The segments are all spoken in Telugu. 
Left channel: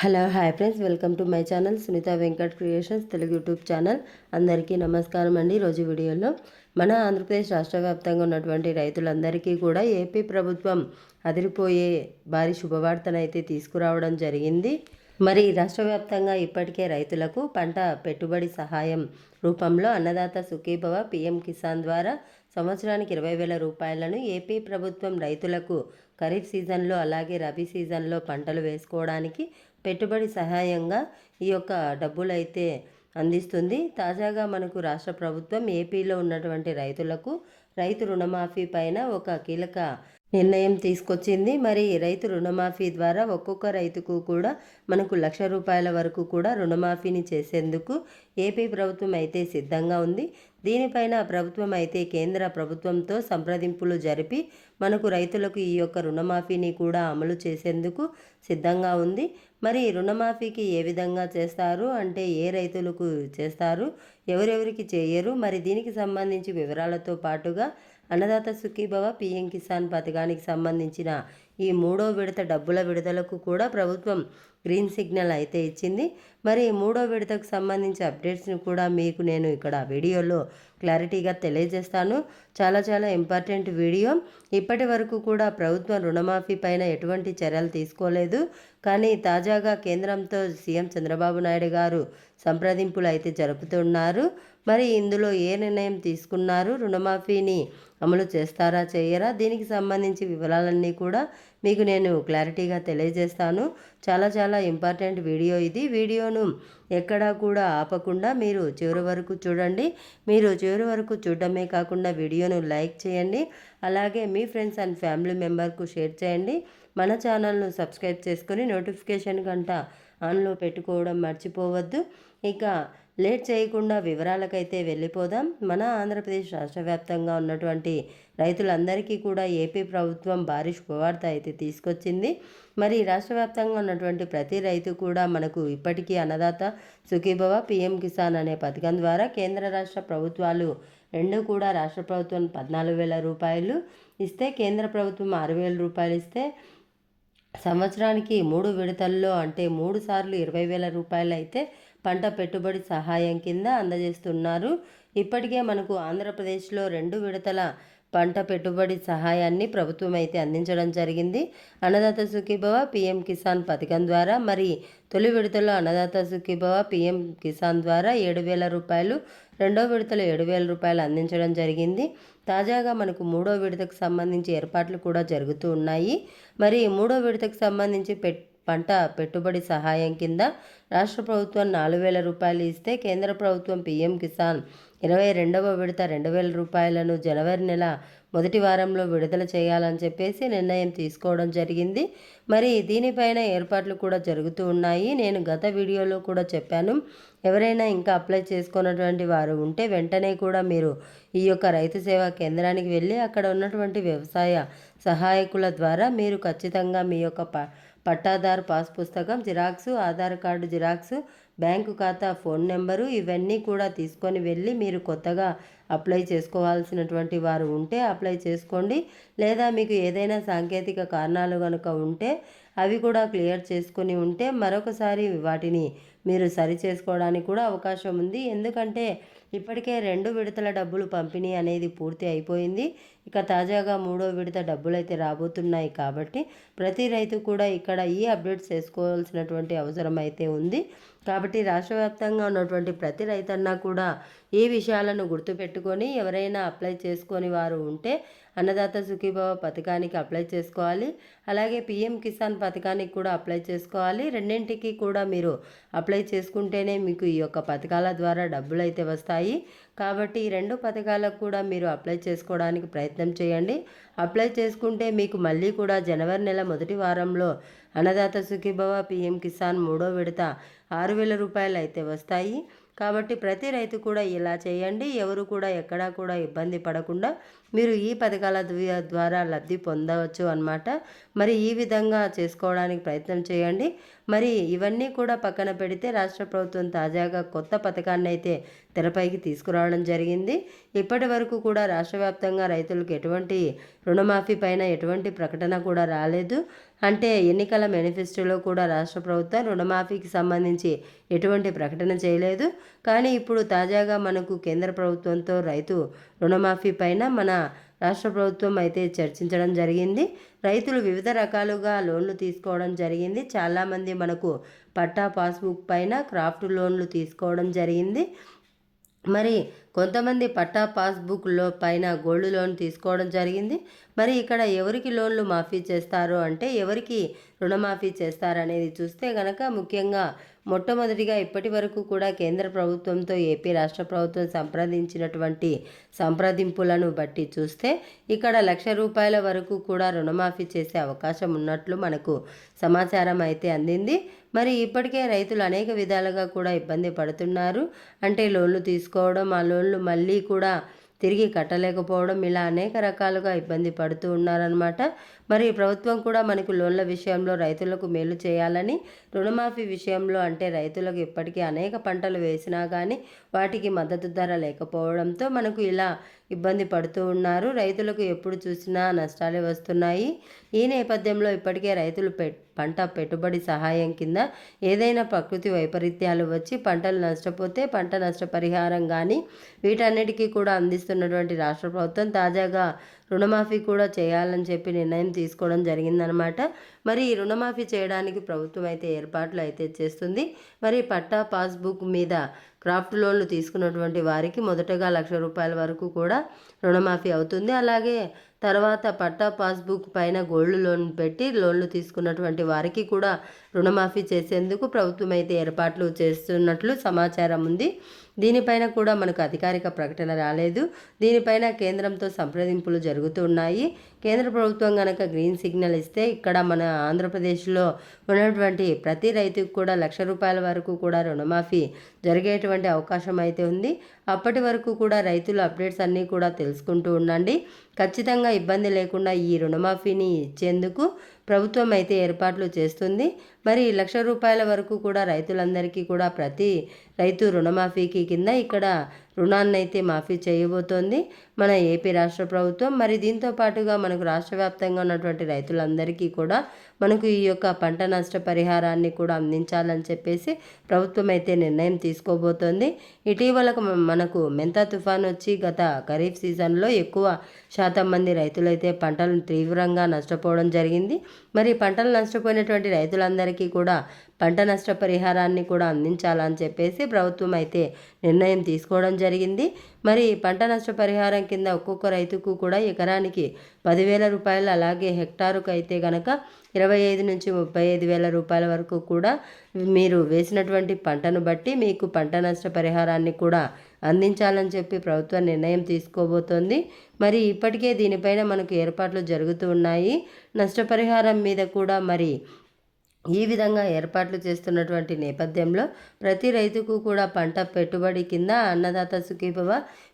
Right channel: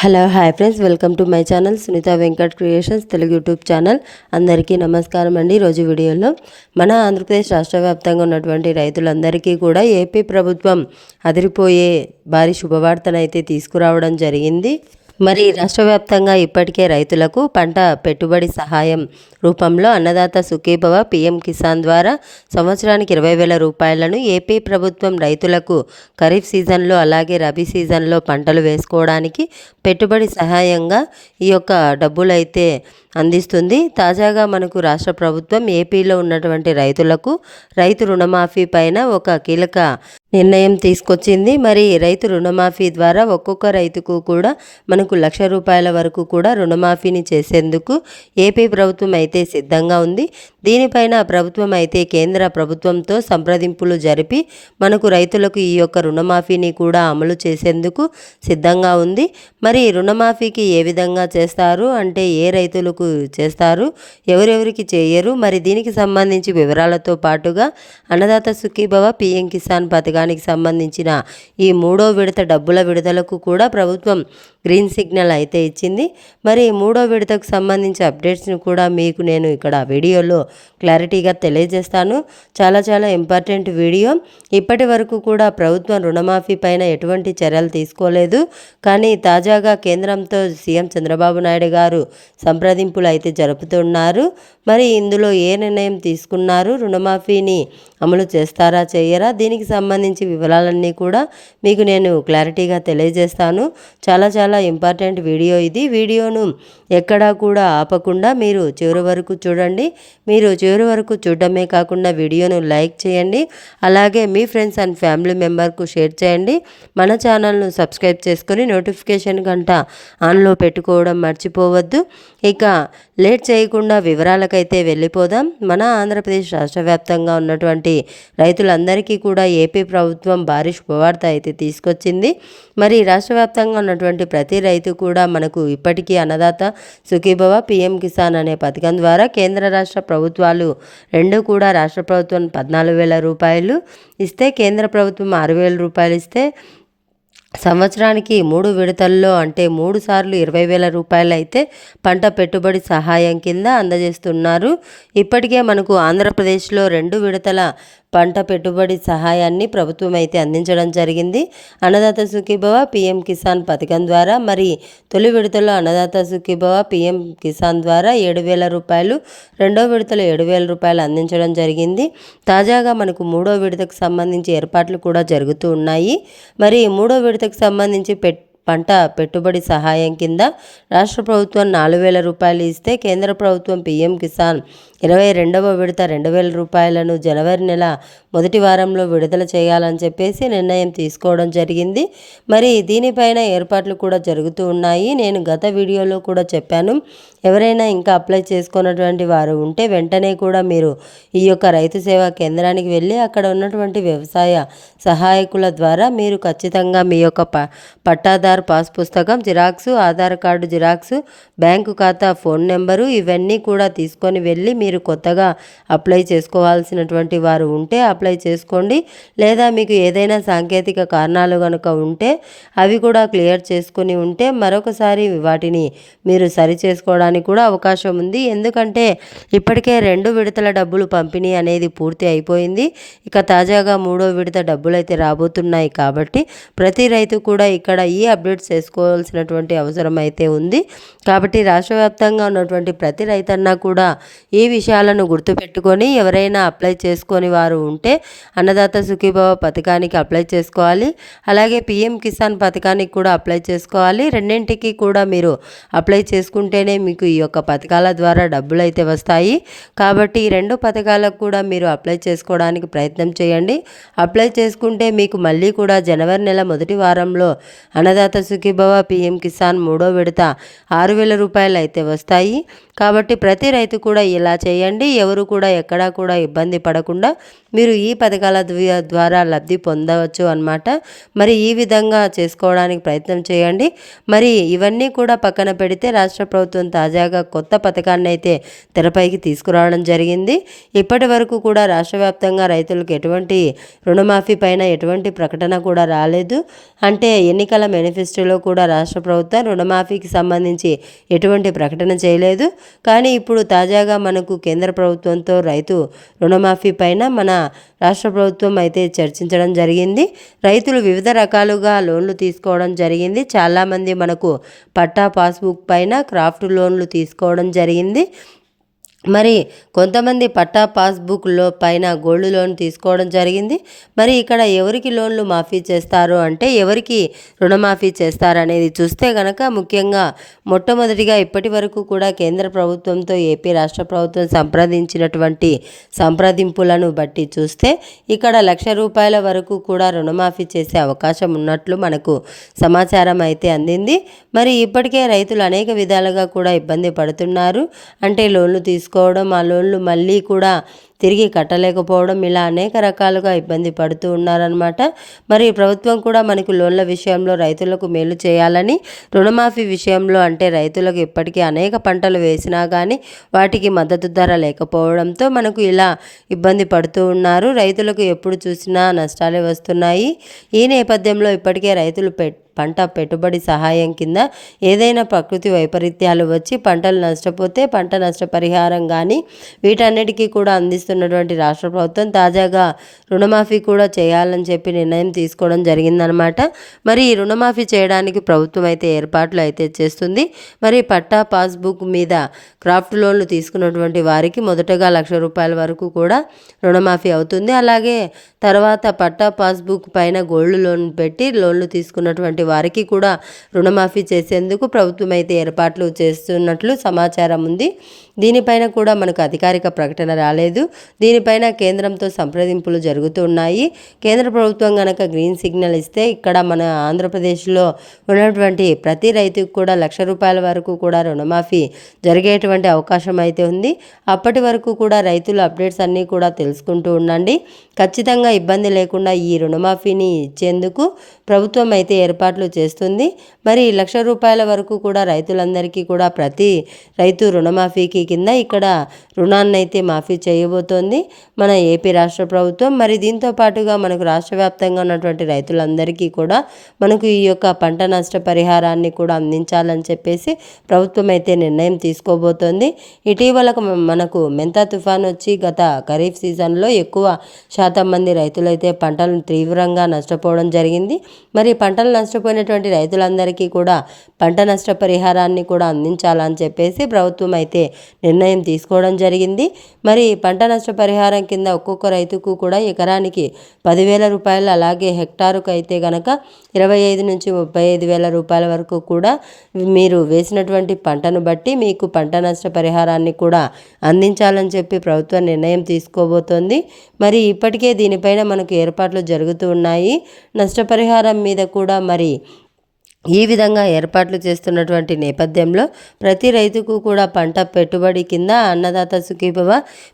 Hello hi friends. Welcome to my channel Sunitha Venkat creations Telugu YouTube channel. అందరికీ నమస్కారం అండి ఈరోజు వీడియోలో. మన ఆంధ్రప్రదేశ్ రాష్ట్ర వ్యాప్తంగా ఉన్నటువంటి రైతులందరికీ కూడా ఏపీ ప్రభుత్వం అదిరిపోయే భారీ శుభవార్తనైతే తీసుకురావడం జరిగింది. మరి రాష్ట్ర వ్యాప్తంగా ఇప్పటికే రైతులకు పంట పెట్టుబడి సహాయం రూపంలో అన్నదాత సుఖీభవ పీఎం కిసాన్ ద్వారా సంవత్సరానికి ఇరవై వేల రూపాయలను ఏపీ ప్రభుత్వం రైతులకు ఖరీఫ్ సీజన్లో అలాగే రబీ సీజన్లో పంటలు వేసుకోవడానికి పెట్టుబడి సహాయంగా ఈ యొక్క డబ్బులైతే అందిస్తుంది. తాజాగా మనకు రాష్ట్ర ప్రభుత్వం ఏపీలో ఉన్నటువంటి రైతులకు రైతు రుణమాఫీ పైన ఒక కీలక నిర్ణయం తీసుకొచ్చింది. మరి రైతు రుణమాఫీ ద్వారా ఒక్కొక్క రైతుకు కూడా మనకు లక్ష రూపాయల వరకు కూడా రుణమాఫీని చేసేందుకు ఏపీ ప్రభుత్వం అయితే సిద్ధంగా ఉంది. దీనిపైన ప్రభుత్వం అయితే కేంద్ర ప్రభుత్వంతో సంప్రదింపులు జరిపి మనకు రైతులకు ఈ యొక్క రుణమాఫీని కూడా అమలు చేసేందుకు సిద్ధంగా ఉంది. మరి రుణమాఫీకి ఏ విధంగా చేస్తారు? అంటే ఏ రైతులకు చేస్తారు? ఎవరెవరికి చేయరు? మరి దీనికి సంబంధించి వివరాలతో పాటుగా అన్నదాత సుఖీభవ పిఎం కిసాన్ పథకానికి సంబంధించిన ఈ మూడో విడత డబ్బుల విడుదలకు కూడా ప్రభుత్వం గ్రీన్ సిగ్నల్ అయితే ఇచ్చింది. మరి మూడో విడతకు సంబంధించి అప్డేట్స్ని కూడా మీకు నేను ఇక్కడ వీడియోలో క్లారిటీగా తెలియజేస్తాను. చాలా చాలా ఇంపార్టెంట్ వీడియో. ఇప్పటి వరకు కూడా ప్రభుత్వం రుణమాఫీ పైన ఎటువంటి చర్యలు తీసుకోలేదు. కానీ తాజాగా కేంద్రంతో సీఎం చంద్రబాబు నాయుడు గారు సంప్రదింపులు అయితే జరుపుతున్నారు. మరి ఇందులో ఏ నిర్ణయం తీసుకున్నారు? రుణమాఫీని అమలు చేస్తారా చేయరా? దీనికి సంబంధించి వివరాలన్నీ కూడా మీకు నేను క్లారిటీగా తెలియజేస్తాను. చాలా చాలా ఇంపార్టెంట్ వీడియో ఇది. వీడియోను ఎక్కడా కూడా ఆపకుండా మీరు చివరి వరకు చూడండి. మీరు చివరి వరకు చూడటమే కాకుండా వీడియోను లైక్ చేయండి. అలాగే మీ ఫ్రెండ్స్ అండ్ ఫ్యామిలీ మెంబర్కు షేర్ చేయండి. మన ఛానల్ను సబ్స్క్రైబ్ చేసుకొని నోటిఫికేషన్ గంట ఆన్లో పెట్టుకోవడం మర్చిపోవద్దు. ఇక లేట్ చేయకుండా వివరాల వివరాలకైతే వెళ్ళిపోదాం. మన ఆంధ్రప్రదేశ్ రాష్ట్ర వ్యాప్తంగా ఉన్నటువంటి రైతులందరికీ కూడా ఏపీ ప్రభుత్వం భారీ శుభవార్త అయితే తీసుకొచ్చింది. మరి రాష్ట్ర వ్యాప్తంగా ఉన్నటువంటి ప్రతి రైతు కూడా మనకు ఇప్పటికీ అన్నదాత సుఖీభవ పిఎం కిసాన్ అనే పథకం ద్వారా కేంద్ర రాష్ట్ర ప్రభుత్వాలు రెండు కూడా రాష్ట్ర ప్రభుత్వం పద్నాలుగు వేల రూపాయలు ఇస్తే కేంద్ర ప్రభుత్వం ఆరు వేల రూపాయలు ఇస్తే సంవత్సరానికి మూడు విడతల్లో అంటే మూడు సార్లు ఇరవై వేల రూపాయలు అయితే పంట పెట్టుబడి సహాయం కింద అందజేస్తున్నారు. ఇప్పటికే మనకు ఆంధ్రప్రదేశ్లో రెండు విడతల పంట పెట్టుబడి సహాయాన్ని ప్రభుత్వం అయితే అందించడం జరిగింది. అన్నదాత సుఖీభవ పిఎం కిసాన్ పథకం ద్వారా మరి తొలి విడతలో అన్నదాత సుఖీభవ పిఎం కిసాన్ ద్వారా ఏడు వేల రూపాయలు రెండో విడతలో ఏడు వేల రూపాయలు అందించడం జరిగింది. తాజాగా మనకు మూడో విడతకు సంబంధించి ఏర్పాట్లు కూడా జరుగుతూ ఉన్నాయి. మరి మూడో విడతకు సంబంధించి పెట్ పంట పెట్టుబడి సహాయం కింద రాష్ట్ర ప్రభుత్వం నాలుగు వేల రూపాయలు ఇస్తే కేంద్ర ప్రభుత్వం పీఎం కిసాన్ ఇరవై రెండవ విడత రెండు వేల రూపాయలను జనవరి నెల మొదటి వారంలో విడుదల చేయాలని చెప్పేసి నిర్ణయం తీసుకోవడం జరిగింది. మరి దీనిపైన ఏర్పాట్లు కూడా జరుగుతూ ఉన్నాయి. నేను గత వీడియోలో కూడా చెప్పాను. ఎవరైనా ఇంకా అప్లై చేసుకున్నటువంటి వారు ఉంటే వెంటనే కూడా మీరు ఈ యొక్క రైతు సేవా కేంద్రానికి వెళ్ళి అక్కడ ఉన్నటువంటి వ్యవసాయ సహాయకుల ద్వారా మీరు ఖచ్చితంగా మీ యొక్క ప పట్టాదారు పాస్ పుస్తకం xerox Aadhaar card xerox bank ఖాతా ఫోన్ నెంబరు ఇవన్నీ కూడా తీసుకొని వెళ్ళి మీరు కొత్తగా అప్లై చేసుకోవాల్సినటువంటి వారు ఉంటే అప్లై చేసుకోండి. లేదా మీకు ఏదైనా సాంకేతిక కారణాలు కనుక ఉంటే అవి కూడా క్లియర్ చేసుకుని ఉంటే మరొకసారి వాటిని మీరు సరి చేసుకోవడానికి కూడా అవకాశం ఉంది. ఎందుకంటే ఇప్పటికే రెండు విడతల డబ్బులు పంపిణీ అనేది పూర్తి అయిపోయింది. ఇక తాజాగా మూడో విడత డబ్బులు అయితే రాబోతున్నాయి కాబట్టి ప్రతి రైతు కూడా ఇక్కడ ఈ అప్డేట్స్ చేసుకోవాల్సినటువంటి అవసరం అయితే ఉంది. కాబట్టి రాష్ట్ర వ్యాప్తంగా ఉన్నటువంటి ప్రతి రైతన్నా కూడా ఈ విషయాలను గుర్తుపెట్టుకొని ఎవరైనా అప్లై చేసుకొని వారు ఉంటే అన్నదాత సుఖీభవ పథకానికి అప్లై చేసుకోవాలి. అలాగే పిఎం కిసాన్ పథకానికి కూడా అప్లై చేసుకోవాలి. రెండింటికి కూడా మీరు అప్లై చేసుకుంటేనే మీకు ఈ యొక్క పథకాల ద్వారా డబ్బులు అయితే వస్తాయి. కాబట్టి ఈ రెండు పథకాలకు కూడా మీరు అప్లై చేసుకోవడానికి ప్రయత్నం చేయండి. అప్లై చేసుకుంటే మీకు మళ్ళీ కూడా జనవరి నెల మొదటి వారంలో అన్నదాత సుఖీభవ పిఎం కిసాన్ మూడో విడత ఆరు వేల రూపాయలు అయితే వస్తాయి. కాబట్టి ప్రతి రైతు కూడా ఇలా చేయండి. ఎవరు కూడా ఎక్కడా కూడా ఇబ్బంది పడకుండా మీరు ఈ పథకాల ద్వారా లబ్ధి పొందవచ్చు అన్నమాట. మరి ఈ విధంగా చేసుకోవడానికి ప్రయత్నం చేయండి. మరి ఇవన్నీ కూడా పక్కన పెడితే రాష్ట్ర ప్రభుత్వం తాజాగా కొత్త పథకాన్ని అయితే తెరపైకి తీసుకురావడం జరిగింది. ఇప్పటి వరకు కూడా రాష్ట్ర వ్యాప్తంగా రైతులకు ఎటువంటి రుణమాఫీ పైన ఎటువంటి ప్రకటన కూడా రాలేదు. అంటే ఎన్నికల మేనిఫెస్టోలో కూడా రాష్ట్ర ప్రభుత్వం రుణమాఫీకి సంబంధించి ఎటువంటి ప్రకటన చేయలేదు. కానీ ఇప్పుడు తాజాగా మనకు కేంద్ర ప్రభుత్వంతో రైతు రుణమాఫీ పైన మన రాష్ట్ర ప్రభుత్వం అయితే చర్చించడం జరిగింది. రైతులు వివిధ రకాలుగా లోన్లు తీసుకోవడం జరిగింది. చాలామంది మనకు పట్టా పాస్బుక్ పైన క్రాఫ్ట్ లోన్లు తీసుకోవడం జరిగింది. మరి కొంతమంది పట్టా పాస్బుక్లో పైన గోల్డ్ లోన్ తీసుకోవడం జరిగింది. మరి ఇక్కడ ఎవరికి లోన్లు మాఫీ చేస్తారు అంటే ఎవరికి రుణమాఫీ చేస్తారనేది చూస్తే గనక ముఖ్యంగా మొట్టమొదటిగా ఇప్పటి వరకు కూడా కేంద్ర ప్రభుత్వంతో ఏపీ రాష్ట్ర ప్రభుత్వం సంప్రదించినటువంటి సంప్రదింపులను బట్టి చూస్తే ఇక్కడ లక్ష రూపాయల వరకు కూడా రుణమాఫీ చేసే అవకాశం ఉన్నట్లు మనకు సమాచారం అయితే అందింది. మరి ఇప్పటికే రైతులు అనేక విధాలుగా కూడా ఇబ్బంది పడుతున్నారు. అంటే లోన్లు తీసుకోవడం ఆ లోన్లు మళ్ళీ కూడా తిరిగి కట్టలేకపోవడం ఇలా అనేక రకాలుగా ఇబ్బంది పడుతూ ఉన్నారనమాట మరి ప్రభుత్వం కూడా మనకు లోన్ల విషయంలో రైతులకు మేలు చేయాలని రుణమాఫీ విషయంలో అంటే రైతులకు ఇప్పటికీ అనేక పంటలు వేసినా కానీ వాటికి మద్దతు ధర లేకపోవడంతో మనకు ఇలా ఇబ్బంది పడుతూ ఉన్నారు. రైతులకు ఎప్పుడు చూసినా నష్టాలే వస్తున్నాయి. ఈ నేపథ్యంలో ఇప్పటికే రైతులు పెట్ పంట పెట్టుబడి సహాయం కింద ఏదైనా ప్రకృతి వైపరీత్యాలు వచ్చి పంటలు నష్టపోతే పంట నష్టపరిహారం కానీ వీటన్నిటికీ కూడా చేస్తున్నటువంటి రాష్ట్ర ప్రభుత్వం తాజాగా రుణమాఫీ కూడా చేయాలని చెప్పి నిర్ణయం తీసుకోవడం జరిగిందనమాట. మరి ఈ రుణమాఫీ చేయడానికి ప్రభుత్వం అయితే ఏర్పాట్లు అయితే చేస్తుంది. మరి పట్టా పాస్బుక్ మీద క్రాఫ్ట్ లోన్లు తీసుకున్నటువంటి వారికి మొదటగా లక్ష రూపాయల వరకు కూడా రుణమాఫీ అవుతుంది. అలాగే తర్వాత పట్టా పాస్బుక్ పైన గోల్డ్ లోన్ పెట్టి లోన్లు తీసుకున్నటువంటి వారికి కూడా రుణమాఫీ చేసేందుకు ప్రభుత్వం అయితే ఏర్పాట్లు చేస్తున్నట్లు సమాచారం ఉంది. దీనిపైన కూడా మనకు అధికారిక ప్రకటన రాలేదు. దీనిపైన కేంద్రంతో సంప్రదింపులు జరుగుతున్నాయి. కేంద్ర ప్రభుత్వం కనుక గ్రీన్ సిగ్నల్ ఇస్తే ఇక్కడ మన ఆంధ్రప్రదేశ్లో ఉన్నటువంటి ప్రతి రైతుకు కూడా లక్ష రూపాయల వరకు కూడా రుణమాఫీ జరిగేటువంటి అవకాశం అయితే ఉంది. అప్పటి వరకు కూడా రైతులు అప్డేట్స్ అన్నీ కూడా తెలుసుకుంటూ ఉండండి. ఖచ్చితంగా ఇబ్బంది లేకుండా ఈ రుణమాఫీని ఇచ్చేందుకు ప్రభుత్వం అయితే ఏర్పాట్లు చేస్తుంది. మరి లక్ష రూపాయల వరకు కూడా రైతులందరికీ కూడా ప్రతి రైతు రుణమాఫీకి కింద ఇక్కడ రుణాన్ని అయితే మాఫీ చేయబోతోంది. మన ఏపీ రాష్ట్ర ప్రభుత్వం మరి దీంతో పాటుగా మనకు రాష్ట్ర వ్యాప్తంగా ఉన్నటువంటి రైతులందరికీ కూడా మనకు ఈ యొక్క పంట నష్ట పరిహారాన్ని కూడా అందించాలని చెప్పేసి ప్రభుత్వం అయితే నిర్ణయం తీసుకోబోతోంది. ఇటీవల మనకు మెంతా తుఫాన్ వచ్చి గత ఖరీఫ్ సీజన్లో ఎక్కువ శాతం మంది రైతులైతే పంటలను తీవ్రంగా నష్టపోవడం జరిగింది. మరి పంటలు నష్టపోయినటువంటి రైతులందరికీ కూడా పంట నష్ట పరిహారాన్ని కూడా అందించాలని చెప్పేసి ప్రభుత్వం అయితే నిర్ణయం తీసుకోవడం జరిగింది. జరిగింది. మరి పంట నష్ట పరిహారం కింద ఒక్కొక్క రైతుకు కూడా ఎకరానికి పదివేల రూపాయలు అలాగే హెక్టారుకు అయితే గనక ఇరవై ఐదు నుంచి ముప్పై ఐదు వేల రూపాయల వరకు కూడా మీరు వేసినటువంటి పంటను బట్టి మీకు పంట నష్ట పరిహారాన్ని కూడా అందించాలని చెప్పి ప్రభుత్వం నిర్ణయం తీసుకోబోతోంది. మరి ఇప్పటికే దీనిపైన మనకు ఏర్పాట్లు జరుగుతూ ఉన్నాయి. నష్టపరిహారం మీద కూడా మరి ఈ విధంగా ఏర్పాట్లు చేస్తున్నటువంటి నేపథ్యంలో ప్రతి రైతుకు కూడా పంట పెట్టుబడి కింద అన్నదాత సుఖీభవ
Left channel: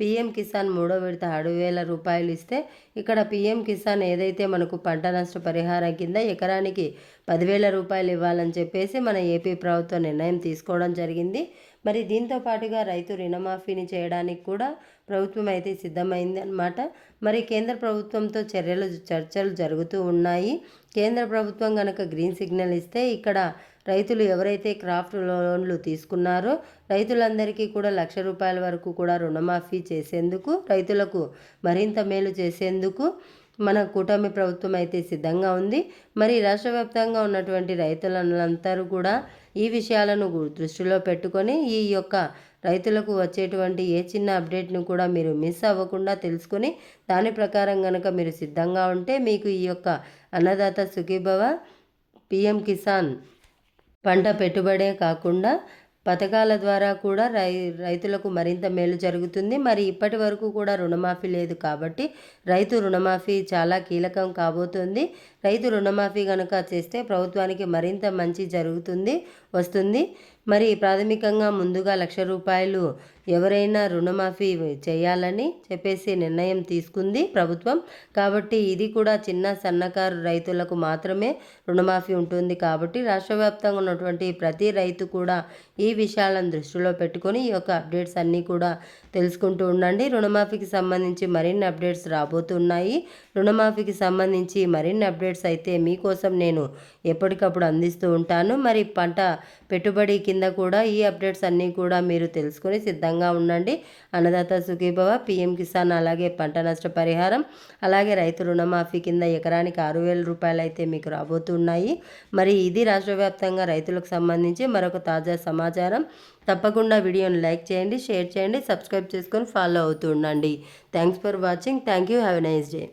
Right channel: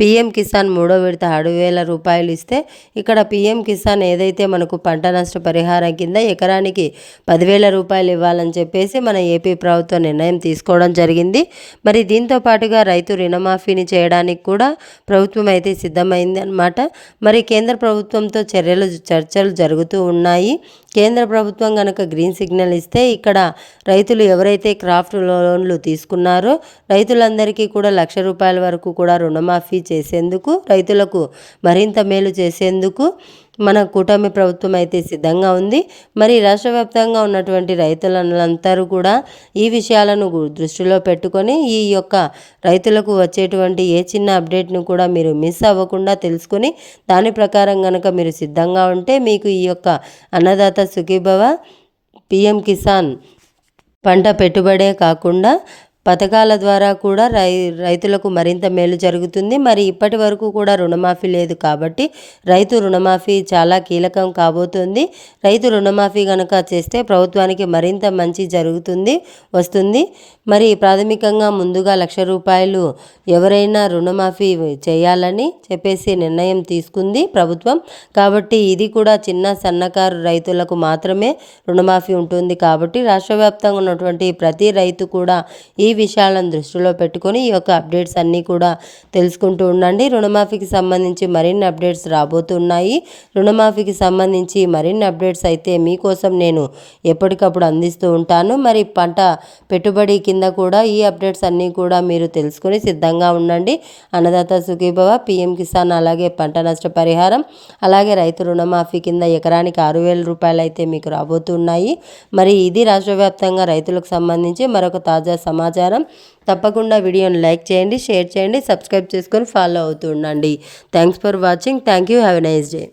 పిఎం కిసాన్ మూడో విడత ఆరు వేల రూపాయలు ఇస్తే ఇక్కడ పిఎం కిసాన్ ఏదైతే మనకు పంట నష్ట పరిహారం కింద ఎకరానికి పదివేల రూపాయలు ఇవ్వాలని చెప్పేసి మన ఏపీ ప్రభుత్వం నిర్ణయం తీసుకోవడం జరిగింది. మరి దీంతో పాటుగా రైతు రుణమాఫీని చేయడానికి కూడా ప్రభుత్వం అయితే సిద్ధమైంది అనమాట మరి కేంద్ర ప్రభుత్వంతో చర్యలు చర్చలు జరుగుతూ ఉన్నాయి. కేంద్ర ప్రభుత్వం కనుక గ్రీన్ సిగ్నల్ ఇస్తే ఇక్కడ రైతులు ఎవరైతే క్రాఫ్ట్ లోన్లు తీసుకున్నారో రైతులందరికీ కూడా లక్ష రూపాయల వరకు కూడా రుణమాఫీ చేసేందుకు రైతులకు మరింత మేలు చేసేందుకు మన కూటమి ప్రభుత్వం అయితే సిద్ధంగా ఉంది. మరి రాష్ట్ర వ్యాప్తంగా ఉన్నటువంటి రైతులందరూ కూడా ఈ విషయాలను దృష్టిలో పెట్టుకొని ఈ యొక్క రైతులకు వచ్చేటువంటి ఏ చిన్న అప్డేట్ను కూడా మీరు మిస్ అవ్వకుండా తెలుసుకొని దాని ప్రకారం కనుక మీరు సిద్ధంగా ఉంటే మీకు ఈ యొక్క అన్నదాత సుఖీభవ పిఎం కిసాన్ పంట పెట్టుబడే కాకుండా పథకాల ద్వారా కూడా రై రైతులకు మరింత మేలు జరుగుతుంది. మరి ఇప్పటి వరకు కూడా రుణమాఫీ లేదు కాబట్టి రైతు రుణమాఫీ చాలా కీలకం కాబోతుంది. రైతు రుణమాఫీ కనుక చేస్తే ప్రభుత్వానికి మరింత మంచి జరుగుతుంది వస్తుంది. మరి ప్రాథమికంగా ముందుగా లక్ష రూపాయలు ఎవరైనా రుణమాఫీ చేయాలని చెప్పేసి నిర్ణయం తీసుకుంది ప్రభుత్వం. కాబట్టి ఇది కూడా చిన్న సన్నకారు రైతులకు మాత్రమే రుణమాఫీ ఉంటుంది. కాబట్టి రాష్ట్ర వ్యాప్తంగా ఉన్నటువంటి ప్రతి రైతు కూడా ఈ విషయాలను దృష్టిలో పెట్టుకొని ఈ యొక్క అప్డేట్స్ అన్నీ కూడా తెలుసుకుంటూ ఉండండి. రుణమాఫీకి సంబంధించి మరిన్ని అప్డేట్స్ రాబోతున్నాయి. రుణమాఫీకి సంబంధించి మరిన్ని అప్డేట్స్ అయితే మీకోసం నేను ఎప్పటికప్పుడు అందిస్తూ ఉంటాను. మరి పంట పెట్టుబడి కింద కింద కూడా ఈ అప్డేట్స్ అన్నీ కూడా మీరు తెలుసుకొని సిద్ధంగా ఉండండి. అన్నదాత సుఖీభవ పిఎం కిసాన్ అలాగే పంట నష్ట పరిహారం అలాగే రైతు రుణమాఫీ కింద ఎకరానికి ఆరు వేల రూపాయలు అయితే మీకు రాబోతున్నాయి. మరి ఇది రాష్ట్ర వ్యాప్తంగా రైతులకు సంబంధించి మరొక తాజా సమాచారం. తప్పకుండా వీడియోని లైక్ చేయండి షేర్ చేయండి సబ్స్క్రైబ్ చేసుకొని ఫాలో అవుతూ ఉండండి. Thanks for watching. Thank you. Have a nice day.